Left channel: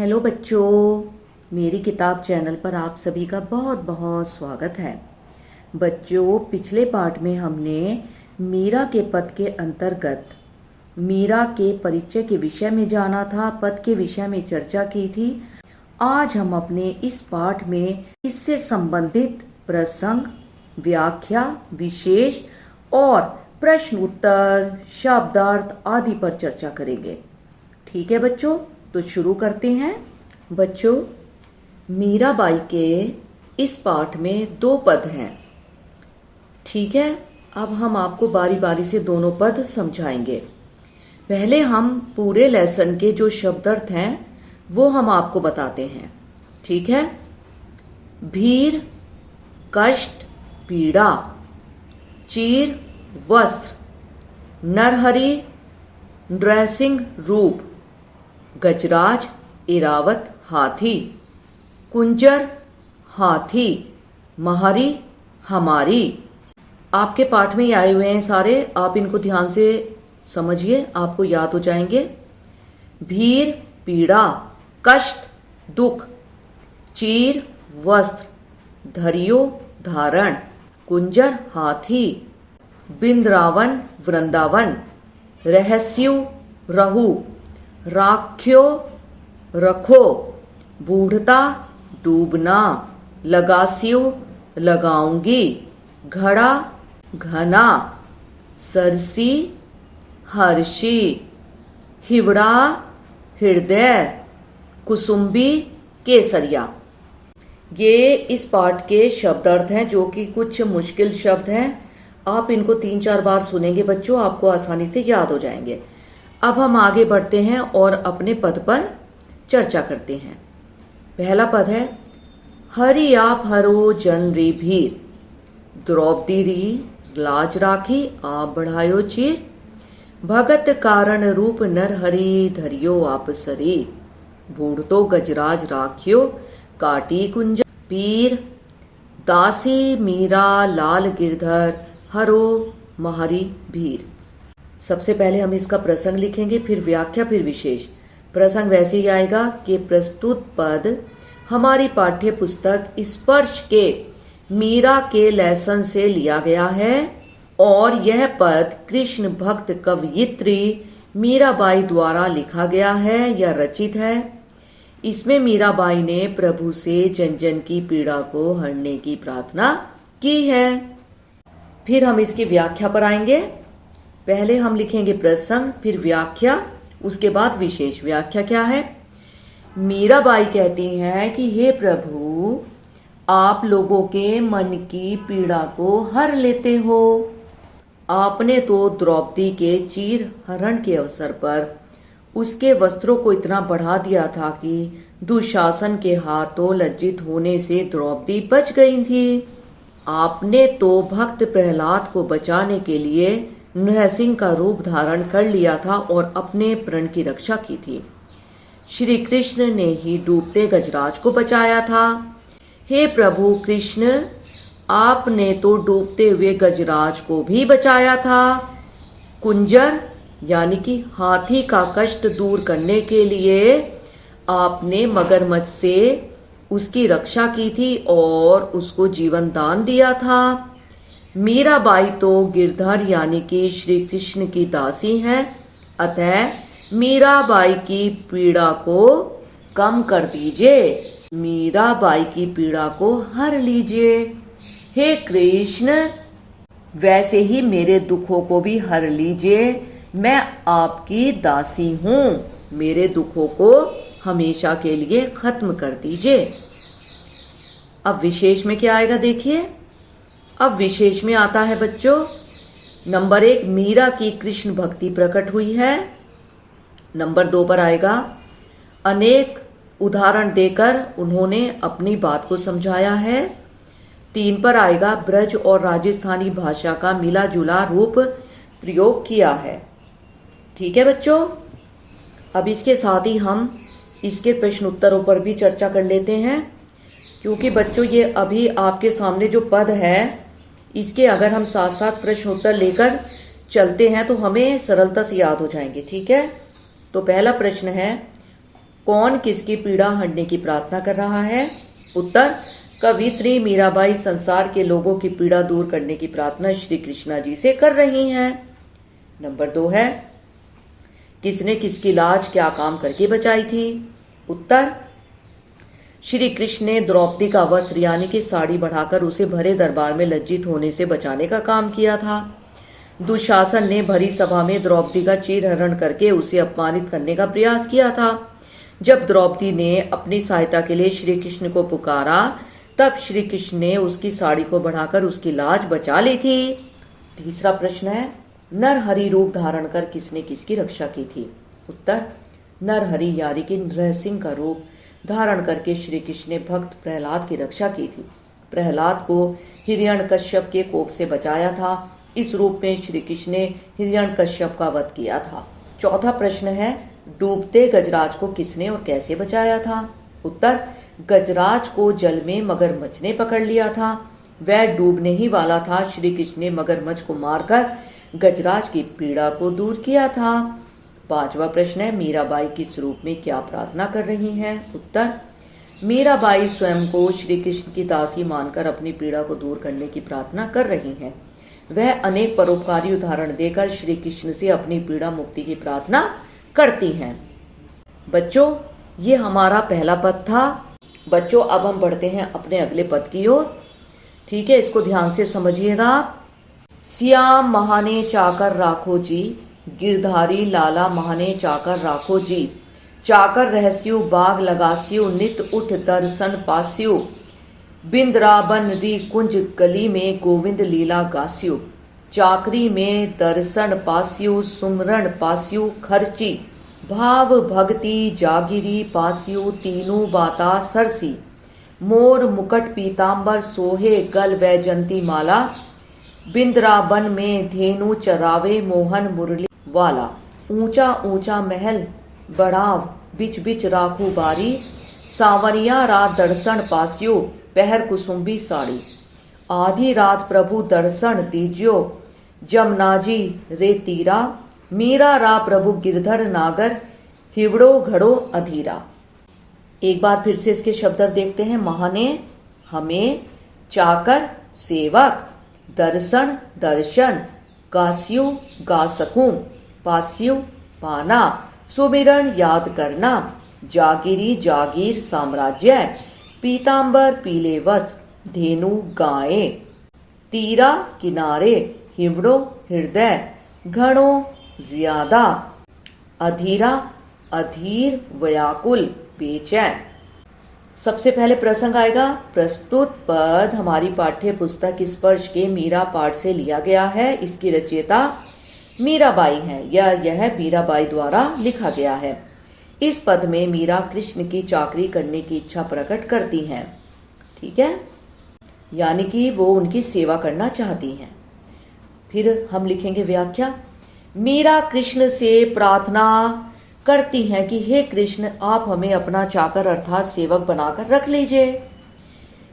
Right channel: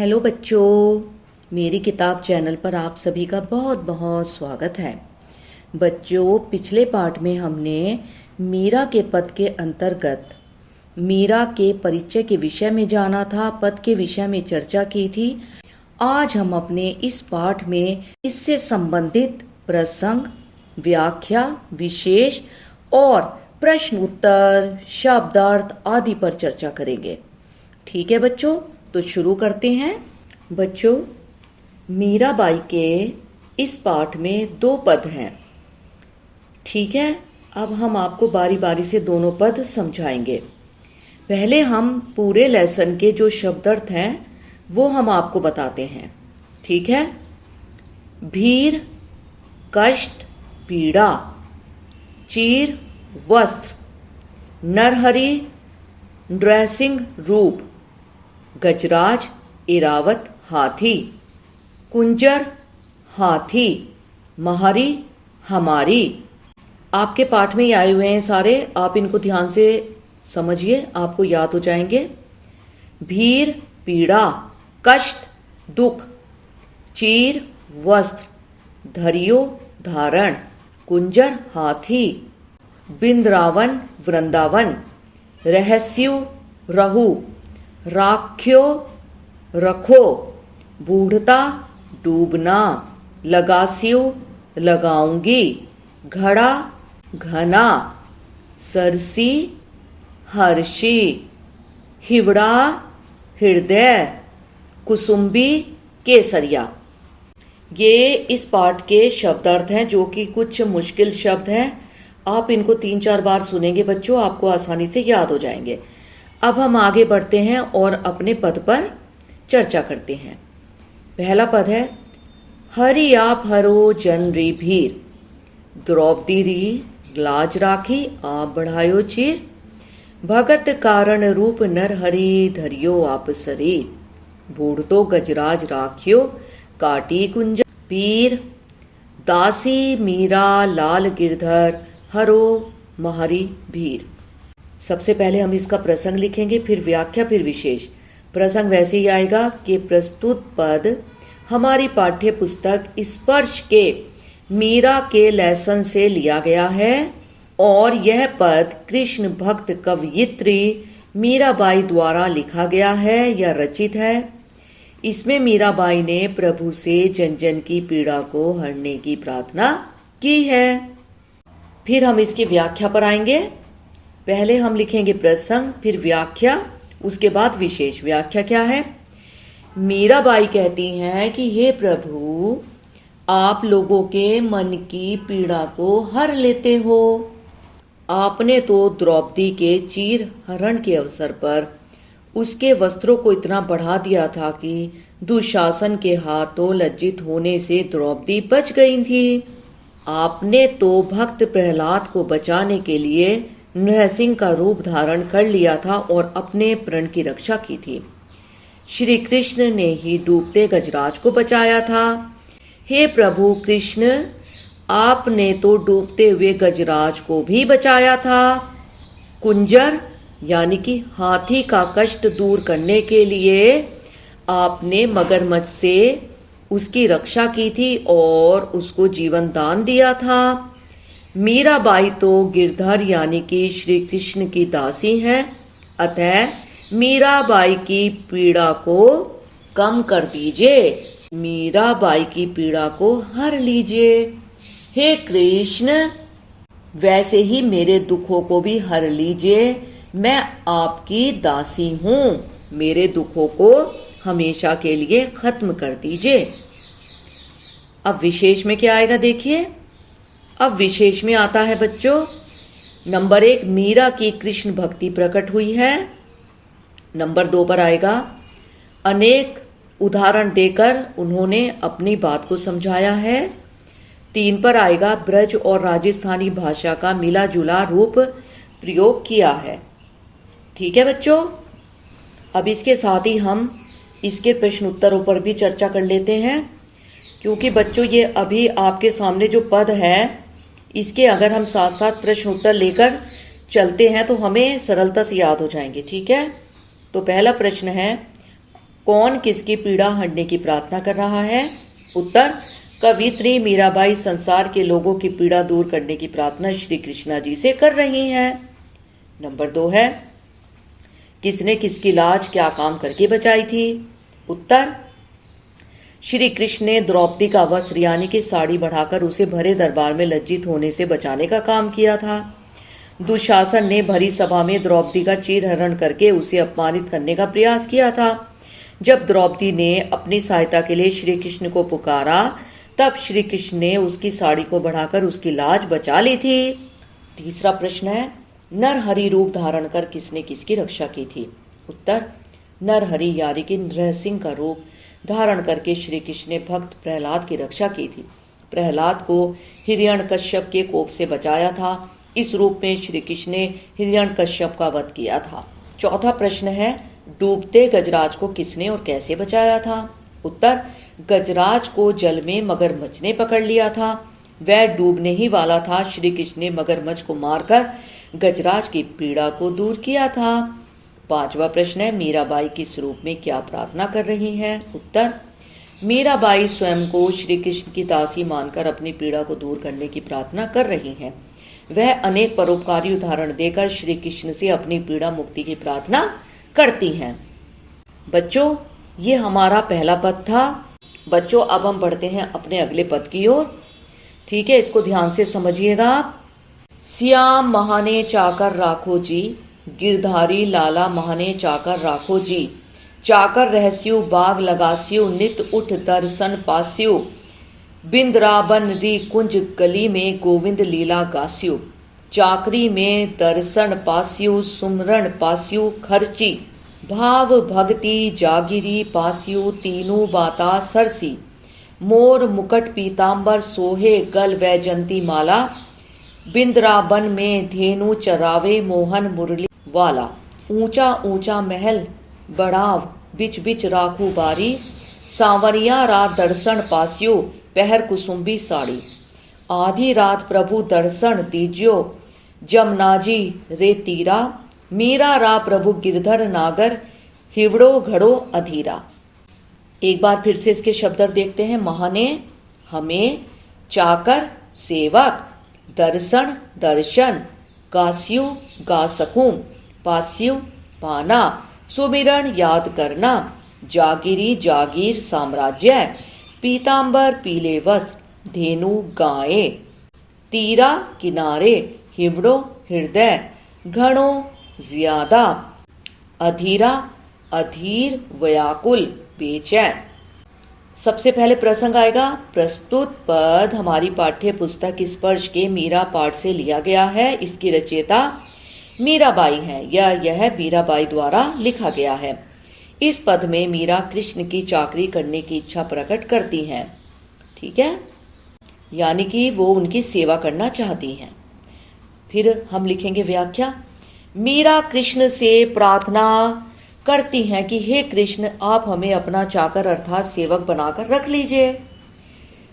Hello बच्चों, मेरी किताब चैनल पर आप सभी का बहुत बहुत स्वागत है। बच्चों, पिछले पाठ में हमने मीरा के पद के अंतर्गत मीरा के परिचय के विषय में जाना था, पद के विषय में चर्चा की थी। आज हम अपने इस पाठ में इससे संबंधित प्रसंग, व्याख्या, विशेष और प्रश्न उत्तर, शब्दार्थ आदि पर चर्चा करेंगे। ठीक है बच्चों, तो शुरू करते हैं। बच्चों, मीराबाई के इस पाठ में 2 पद हैं। ठीक है, अब हम आपको बारी बारी से दोनों पद समझाएंगे। पहले हम पूरे लेसन के जो शब्दार्थ हैं वो हम आपको बताते हैं। ठीक है। भीर कष्ट पीड़ा, चीर वस्त्र, नरहरि ड्रेसिंग रूप, गजराज इरावत हाथी, कुंजर हाथी, महरी हमारी। आपके पाठ में ही आए हुए हैं सारे, आप इनको ध्यान से समझिए, आपको याद हो जाएंगे। भीर पीड़ा, कष्ट दुख, चीर वस्त्र, धरियो धारण, कुंजर हाथी, बिंद्रावन वृंदावन, रहस्यु रहु, राख्यो रखो, बूढ़ता डूबना, लगास्यु लगाऊंगी, घड़ा घना, सरसी हर्षी, हिवड़ा हृदय, कुसुम्बी केसरिया। ये इस पाठ के शब्दार्थ हैं जो कि कुछ मुश्किल शब्द हैं। आप इनको 3-4 बार सुनेंगे बच्चों, आपको आसानी से याद हो जाएंगे। अब हम आगे बढ़ते हैं और अपने पद पर चर्चा करते हैं। पहला पद है हरि आप हरो जन री भीर, द्रौपदी री लाज राखी आप बढ़ायो चीर, भगत कारण रूप नर हरि धरियो आप शरीर, बूढ़ तो गजराज राखियो काटी कुंज, पीर दासी मीरा लाल गिरधर हरो महरी भीर। सबसे पहले हम इसका प्रसंग लिखेंगे, फिर व्याख्या, फिर विशेष। प्रसंग वैसे ही आएगा कि प्रस्तुत पद हमारी पाठ्य पुस्तक स्पर्श के मीरा के लेसन से लिया गया है और यह पद कृष्ण भक्त कवयित्री मीराबाई द्वारा लिखा गया है या रचित है। इसमें मीराबाई ने प्रभु से जन जन की पीड़ा को हरने की प्रार्थना की है। फिर हम इसकी व्याख्या पर आएंगे। पहले हम लिखेंगे प्रसंग, फिर व्याख्या, उसके बाद विशेष। व्याख्या क्या है? मीराबाई कहती हैं कि हे प्रभु, आप लोगों के मन की पीड़ा को हर लेते हो। आपने तो द्रौपदी के चीर हरण के अवसर पर उसके वस्त्रों को इतना बढ़ा दिया था कि दुशासन के हाथों लज्जित होने से द्रौपदी बच गई थी। आपने तो भक्त प्रहलाद को बचाने के लिए नृसिंह का रूप धारण कर लिया था और अपने प्रण की रक्षा की थी। श्री कृष्ण ने ही डूबते गजराज को बचाया था। हे प्रभु कृष्ण, आपने तो डूबते हुए गजराज को भी बचाया था। कुंजर यानी कि हाथी का कष्ट दूर करने के लिए आपने मगरमच्छ से उसकी रक्षा की थी और उसको जीवन दान दिया था। मीराबाई तो गिरधर यानी कि श्री कृष्ण की दासी हैं, अतः मीराबाई की पीड़ा को कम कर दीजिए, मीराबाई की पीड़ा को हर लीजिए। हे कृष्ण, वैसे ही मेरे दुखों को भी हर लीजिए। मैं आपकी दासी हूँ, मेरे दुखों को हमेशा के लिए खत्म कर दीजिए। अब विशेष में क्या आएगा देखिए। अब विशेष में आता है बच्चों, नंबर 1 मीरा की कृष्ण भक्ति प्रकट हुई है। नंबर 2 पर आएगा अनेक उदाहरण देकर उन्होंने अपनी बात को समझाया है। 3 पर आएगा ब्रज और राजस्थानी भाषा का मिला जुला रूप प्रयोग किया है। ठीक है बच्चों, अब इसके साथ ही हम इसके प्रश्न उत्तरों पर भी चर्चा कर लेते हैं, क्योंकि बच्चों ये अभी आपके सामने जो पद है इसके अगर हम साथ साथ प्रश्न उत्तर लेकर चलते हैं तो हमें सरलता से याद हो जाएंगे। ठीक है, तो पहला प्रश्न है, कौन किसकी पीड़ा हरने की प्रार्थना कर रहा है? उत्तर, कवियत्री मीराबाई संसार के लोगों की पीड़ा दूर करने की प्रार्थना श्री कृष्णा जी से कर रही हैं। नंबर 2 है, किसने किसकी लाज क्या काम करके बचाई थी? उत्तर, श्री कृष्ण ने द्रौपदी का वस्त्र यानी कि साड़ी बढ़ाकर उसे भरे दरबार में लज्जित होने से बचाने का काम किया था। दुशासन ने भरी सभा में द्रौपदी का चीरहरण करके उसे अपमानित करने का प्रयास किया था। जब द्रौपदी ने अपनी सहायता के लिए श्री कृष्ण को पुकारा, तब श्री कृष्ण ने उसकी साड़ी को बढ़ाकर उसकी लाज बचा ली थी। तीसरा प्रश्न है, नरहरि रूप धारण कर किसने किसकी रक्षा की थी? उत्तर, नरहरि यानी कि नरसिंह का रूप धारण करके श्री कृष्ण ने भक्त प्रहलाद की रक्षा की थी। प्रहलाद को हिरण्यकश्यप के कोप से बचाया था। इस रूप में श्री कृष्ण ने हिरण्यकश्यप का वध किया था। चौथा प्रश्न है, डूबते गजराज को किसने और कैसे बचाया था? उत्तर, गजराज को जल में मगरमच्छ ने पकड़ लिया था। वह डूबने ही वाला था। श्री कृष्ण ने मगरमच्छ को मारकर गजराज की पीड़ा को दूर किया था। पांचवा प्रश्न है, मीराबाई किस रूप में क्या प्रार्थना कर रही हैं? उत्तर, मीराबाई स्वयं को श्री कृष्ण की दासी मानकर अपनी पीड़ा को दूर करने की प्रार्थना कर रही हैं। वह अनेक परोपकारी उदाहरण देकर श्री कृष्ण से अपनी पीड़ा मुक्ति की प्रार्थना करती हैं। बच्चों, ये हमारा पहला पद था। बच्चों, अब हम बढ़ते हैं अपने अगले पद की ओर। ठीक है, इसको ध्यान से समझिएगा। श्याम महाने चाकर राखो जी, गिरधारी लाला महाने चाकर राखो जी। चाकर रहस्यु बाग लगास्यु, नित उठ दर्शन पास्यु। बिंद्राबन री कुंज गली में गोविंद लीला गास्यु। चाकरी में दर्शन पास्यु, सुमरण पास्यु खर्ची। भाव भक्ति जागिरी पास्यु, तीनू बाता सरसी। मोर मुकट पीतांबर सोहे, गल वैजंती माला। बिंद्राबन में धेनु चरावे, मोहन मुरली वाला। ऊंचा ऊंचा महल बढ़ाव, बिच बिच राखू बारी। सांवरिया रात दर्शन पास्यो, पहर कुसुम्बी साड़ी। आधी रात प्रभु दर्शन दीजियो, जमनाजी रे तीरा। मीरा रा प्रभु गिरधर नागर, हिवड़ो घड़ो अधीरा। एक बार फिर से इसके शब्द देखते हैं। महाने हमें, चाकर सेवक, दर्शन दर्शन, गास्यु गा सकूं, पास्यु पाना, सुमिरन याद करना। जागिरी जागीर साम्राज्य, पीतांबर पीले वस्त्र, धेनु गाये। तीरा किनारे, हिवड़ो हृदय, घणो ज्यादा। अधीरा अधीर व्याकुल बेचैन। सबसे पहले प्रसंग आएगा। प्रस्तुत पद हमारी पाठ्य पुस्तक स्पर्श के मीरा पाठ से लिया गया है। इसकी रचयिता मीराबाई है या यह मीराबाई द्वारा लिखा गया है। इस पद में मीरा कृष्ण की चाकरी करने की इच्छा प्रकट करती हैं। ठीक है, यानी कि वो उनकी सेवा करना चाहती हैं। फिर हम लिखेंगे व्याख्या। मीरा कृष्ण से प्रार्थना करती हैं कि हे कृष्ण, आप हमें अपना चाकर अर्थात सेवक बनाकर रख लीजिए।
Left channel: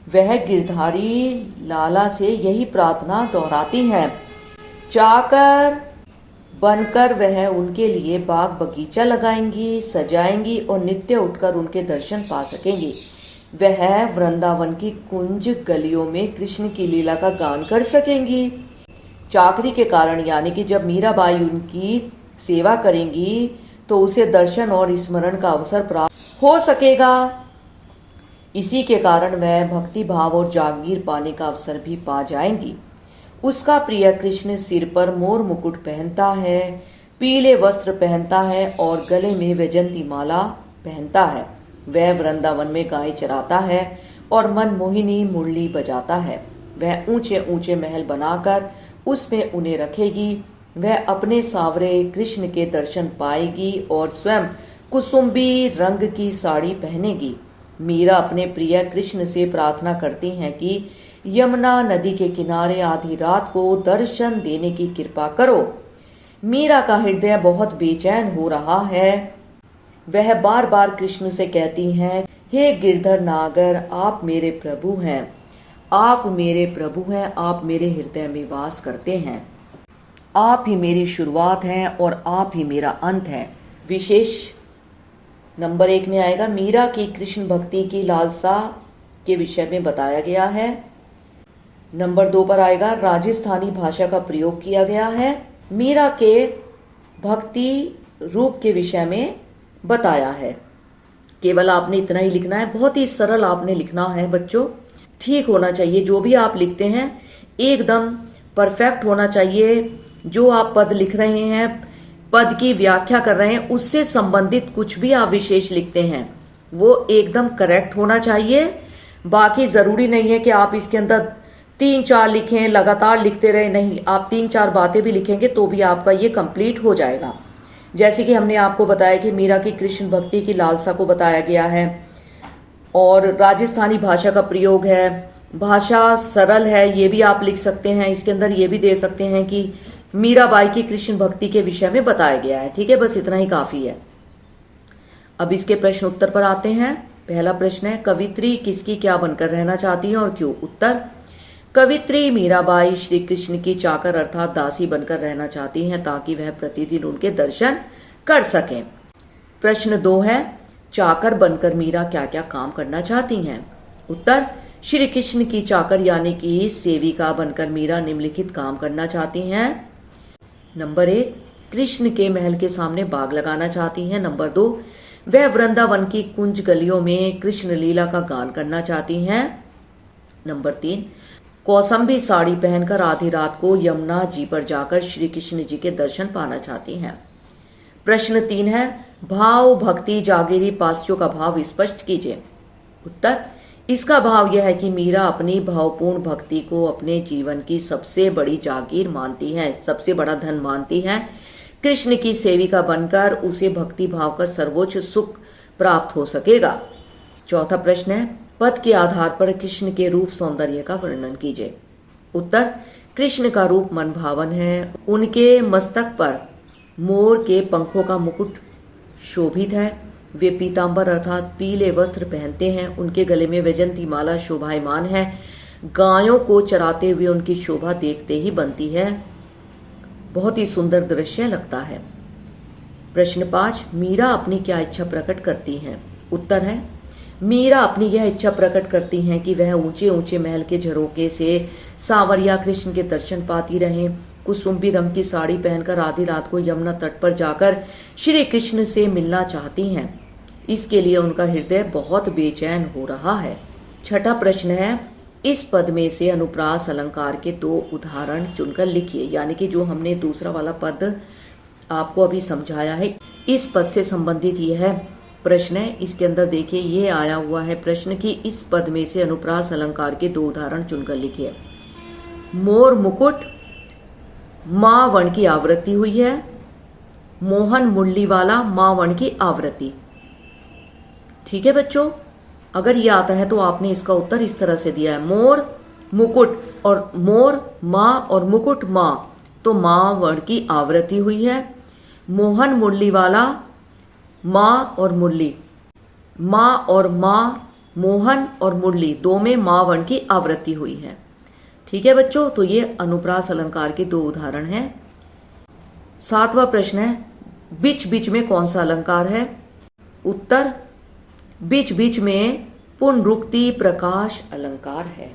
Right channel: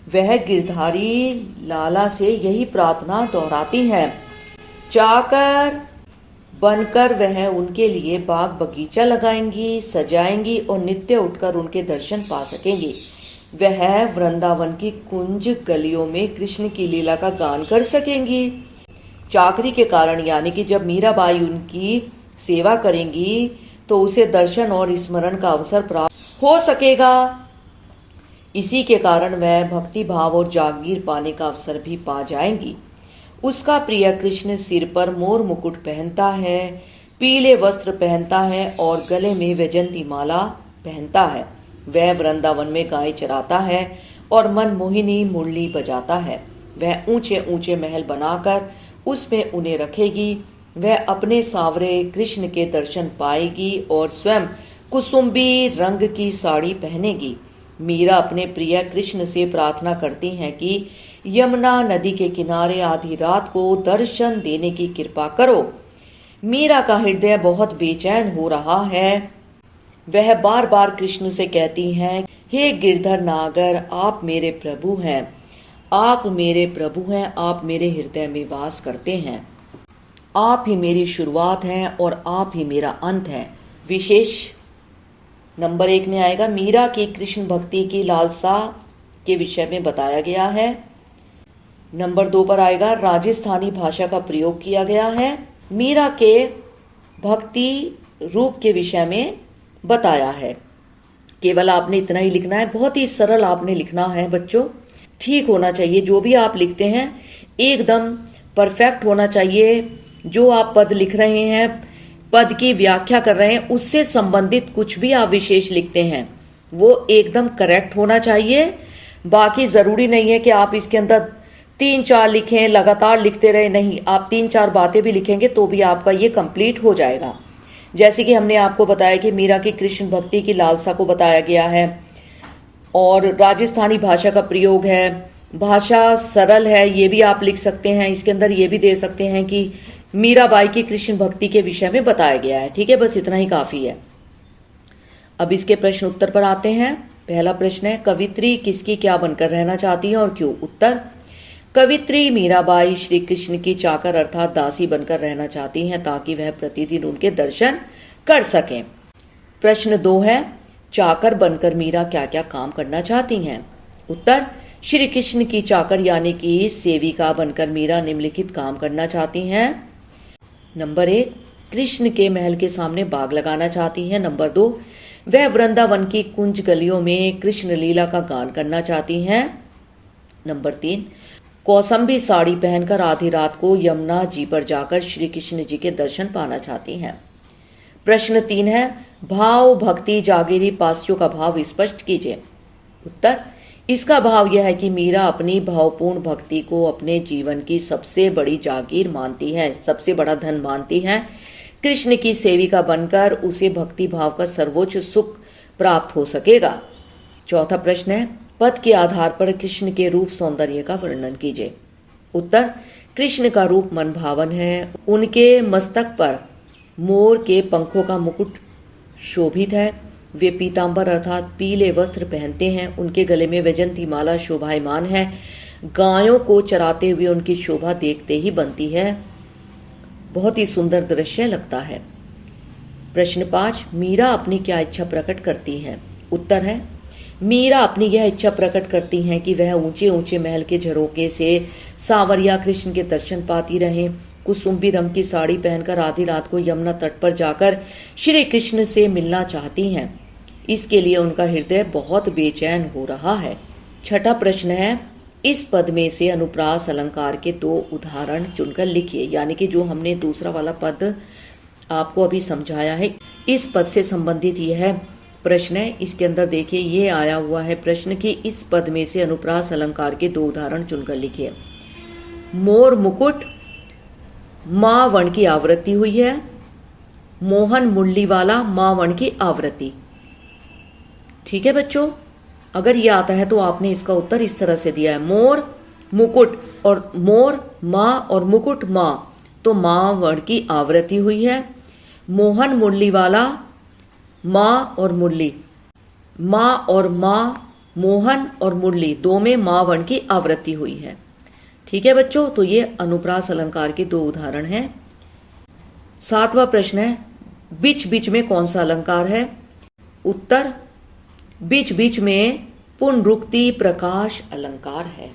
वह गिरधारी लाला से यही प्रार्थना दोहराती हैं। चाकर बनकर वह उनके लिए बाग बगीचा लगाएंगी, सजाएंगी और नित्य उठकर उनके दर्शन पा सकेंगी। वह वृंदावन की कुंज गलियों में कृष्ण की लीला का गान कर सकेंगी। चाकरी के कारण यानी कि जब मीराबाई उनकी सेवा करेंगी तो उसे दर्शन और स्मरण का अवसर प्राप्त हो सकेगा। इसी के कारण वह भक्ति भाव और जागीर पाने का अवसर भी पा जाएंगी। उसका प्रिय कृष्ण सिर पर मोर मुकुट पहनता है, पीले वस्त्र पहनता है और गले में वैजंती माला पहनता है। वह वृंदावन में गाय चराता है और मनमोहिनी मुरली बजाता है। वह ऊंचे ऊंचे महल बनाकर उसमें उन्हें रखेगी। वह अपने सावरे कृष्ण के दर्शन पाएगी और स्वयं कुसुम्बी रंग की साड़ी पहनेगी। मीरा अपने प्रिय कृष्ण से प्रार्थना करती हैं कि यमुना नदी के किनारे आधी रात को दर्शन देने की कृपा करो। मीरा का हृदय बहुत बेचैन हो रहा है। वह बार बार कृष्ण से कहती हैं, हे गिरधर नागर, आप मेरे प्रभु हैं, आप मेरे प्रभु हैं, आप मेरे हृदय में वास करते हैं। आप ही मेरी शुरुआत हैं और आप ही मेरा अंत है। विशेष नंबर 1 में आएगा मीरा की कृष्ण भक्ति की लालसा के विषय में बताया गया है। नंबर 2 पर आएगा राजस्थानी भाषा का प्रयोग किया गया है। मीरा के भक्ति रूप के विषय में बताया है। केवल आपने इतना ही लिखना है, बहुत ही सरल आपने लिखना है बच्चों। ठीक होना चाहिए, जो भी आप लिखते हैं एकदम परफेक्ट होना चाहिए। जो आप पद लिख रहे हैं, पद की व्याख्या कर रहे हैं, उससे संबंधित कुछ भी आप विशेष लिखते हैं वो एकदम करेक्ट होना चाहिए। बाकी जरूरी नहीं है कि आप इसके अंदर 3-4 लिखें, लगातार लिखते रहे, नहीं, आप 3-4 बातें भी लिखेंगे तो भी आपका ये कंप्लीट हो जाएगा। जैसे कि हमने आपको बताया कि मीरा की कृष्ण भक्ति की लालसा को बताया गया है और राजस्थानी भाषा का प्रयोग है, भाषा सरल है, ये भी आप लिख सकते हैं। इसके अंदर ये भी दे सकते हैं कि मीराबाई की कृष्ण भक्ति के विषय में बताया गया है। ठीक है, बस इतना ही काफी है। अब इसके प्रश्न उत्तर पर आते हैं। पहला प्रश्न है कवित्री किसकी क्या बनकर रहना चाहती है और क्यों? उत्तर, कवित्री मीराबाई श्री कृष्ण की चाकर अर्थात दासी बनकर रहना चाहती हैं ताकि वह प्रतिदिन उनके दर्शन कर सकें। प्रश्न 2 है चाकर बनकर मीरा क्या क्या काम करना चाहती हैं? उत्तर, श्री कृष्ण की चाकर यानी कि सेविका बनकर मीरा निम्नलिखित काम करना चाहती हैं। नंबर 1, कृष्ण के महल के सामने बाग लगाना चाहती हैं। नंबर 2, वह वृंदावन की कुंज गलियों में कृष्ण लीला का गान करना चाहती हैं। नंबर 3, कौसंबी साड़ी पहनकर आधी रात को यमुना जी पर जाकर श्री कृष्ण जी के दर्शन पाना चाहती हैं। प्रश्न 3 है भाव भक्ति जागीरी पास्यों का भाव स्पष्ट कीजिए। उत्तर, इसका भाव यह है कि मीरा अपनी भावपूर्ण भक्ति को अपने जीवन की सबसे बड़ी जागीर मानती है, सबसे बड़ा धन मानती है। कृष्ण की सेविका बनकर उसे भक्ति भाव का सर्वोच्च सुख प्राप्त हो सकेगा। चौथा प्रश्न है पद के आधार पर कृष्ण के रूप सौंदर्य का वर्णन कीजिए। उत्तर, कृष्ण का रूप मनभावन है। उनके मस्तक पर मोर के पंखों का मुकुट शोभित है। वे पीतांबर अर्थात पीले वस्त्र पहनते हैं। उनके गले में वैजंती माला शोभायमान है। गायों को चराते हुए उनकी शोभा देखते ही बनती है, बहुत ही सुंदर दृश्य लगता है। प्रश्न 5, मीरा अपनी क्या इच्छा प्रकट करती हैं? उत्तर है मीरा अपनी यह इच्छा प्रकट करती हैं कि वह ऊंचे ऊंचे महल के झरोके से सांवरिया कृष्ण के दर्शन पाती रहें। कुसुम्बी रंग की साड़ी पहनकर आधी रात को यमुना तट पर जाकर श्री कृष्ण से मिलना चाहती हैं। इसके लिए उनका हृदय बहुत बेचैन हो रहा है। छठा प्रश्न है इस पद में से अनुप्रास अलंकार के 2 उदाहरण चुनकर लिखिए। यानी कि जो हमने दूसरा वाला पद आपको अभी समझाया है, इस पद से संबंधित यह प्रश्न है। इसके अंदर देखिए ये आया हुआ है प्रश्न कि इस पद में से अनुप्रास अलंकार के 2 उदाहरण चुनकर लिखिए। मोर मुकुट माँ वर्ण की आवृत्ति हुई है। मोहन मुरली वाला माँ वर्ण की आवृत्ति। ठीक है बच्चों, अगर ये आता है तो आपने इसका उत्तर इस तरह से दिया है मोर मुकुट, और मोर माँ और मुकुट माँ, तो माँ वर्ण की आवृत्ति हुई है। मोहन मुरली वाला माँ और मुरली, माँ और माँ, मोहन और मुरली, 2 में माँ वर्ण की आवृत्ति हुई है। ठीक है बच्चों, तो ये अनुप्रास अलंकार के 2 उदाहरण हैं। 7वां प्रश्न है बीच बीच में कौन सा अलंकार है? उत्तर, बीच बीच में पुनरुक्ति प्रकाश अलंकार है।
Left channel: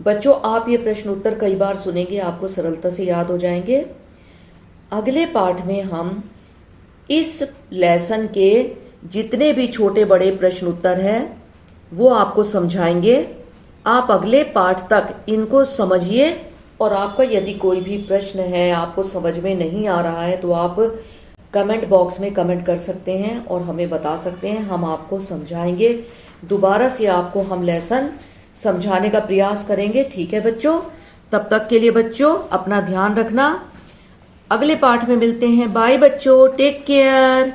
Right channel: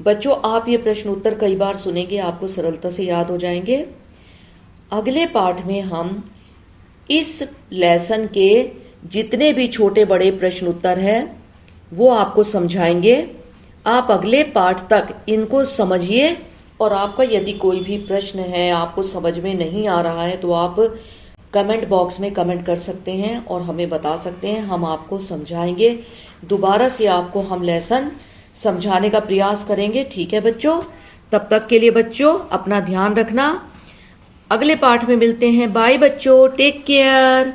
बच्चों आप ये प्रश्न उत्तर कई बार सुनेंगे, आपको सरलता से याद हो जाएंगे। अगले पाठ में हम इस लेसन के जितने भी छोटे बड़े प्रश्न उत्तर हैं वो आपको समझाएंगे। आप अगले पाठ तक इनको समझिए और आपका यदि कोई भी प्रश्न है आपको समझ में नहीं आ रहा है तो आप कमेंट बॉक्स में कमेंट कर सकते हैं और हमें बता सकते हैं, हम आपको समझाएंगे। दोबारा से आपको हम लेसन समझाने का प्रयास करेंगे। ठीक है बच्चों, तब तक के लिए बच्चों अपना ध्यान रखना। अगले पाठ में मिलते हैं। बाय बच्चों, टेक केयर।